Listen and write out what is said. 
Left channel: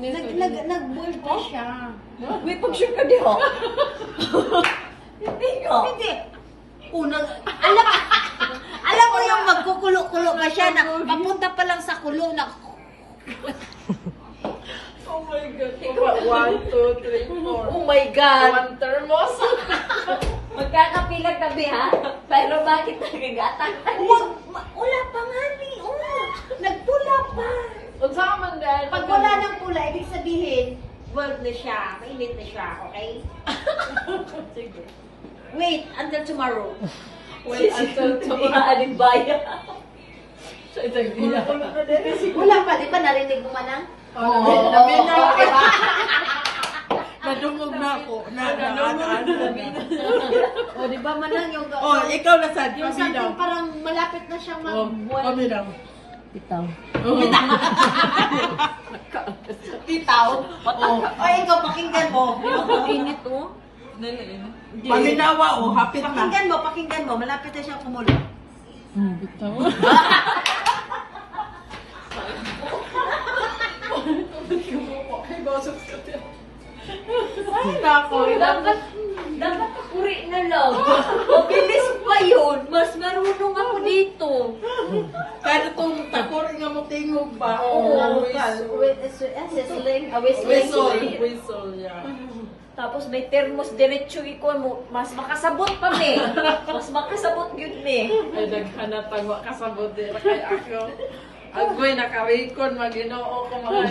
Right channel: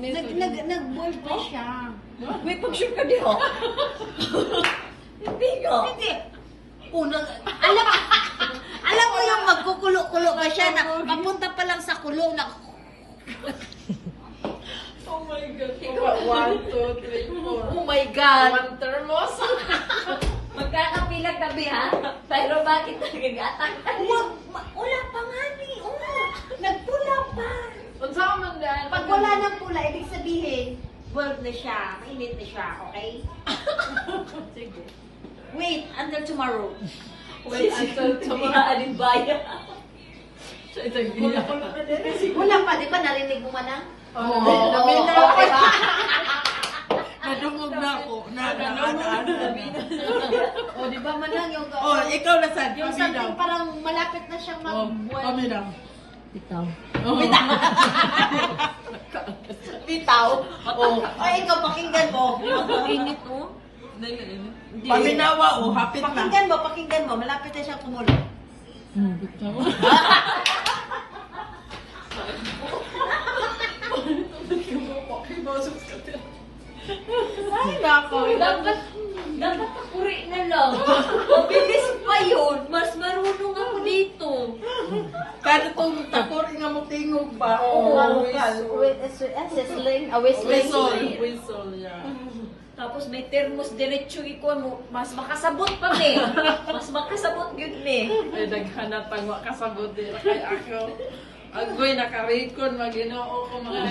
Nag-bulto siya. May pag-shoot ka din, oh. Hindi ka. Hindi. Unang, alam mo yung magkukulo-kulo pa siya na papunta pa lang sa kulo na Oh my God. 1, 2, 3, 4. Oh my God. 1 thermos. Magkakapilag kami, ha? Pero bakit nagagatang tayo? wala pa nga ni. Nagpula pa. Unsa ka man dahil? Pag wala ng pula, ibig sabihin, world na siya, mainit na siya, okay? Sige. Wait until tomorrow. Wait until Sa mga alimbaya. Sa Itagila. Wala pa, di ba narinig mo man ang? Oo. Nadungog na ako. O, di ba man lang yung... Oh, ikaw na sad. Yung Kami daw. something parang malapit na siyang Oh, mag-buwan. kami daw. Itaw. Titaw. Oh. Ay, ikaw, pakinggan mo. Init, oh. Paminawa, oh, hapit na. Pakinggan mo. Malapit na siyang kumulo. Itaw. Ay, nako. Dapat uri na lang. Mabilis pa yun. Mas marunong ako dito. Kaya itong takor nga mo tingog ba? Oo. Oh, Whistling. Whistle, yeah. Tapos may thermos diretso iko mo. Mas makasabot pa ni. Mas makasabot yun ni. Ay, naghanap ang kasabot din. Kaya ako, agoy, nakarikon, maginoo ko mga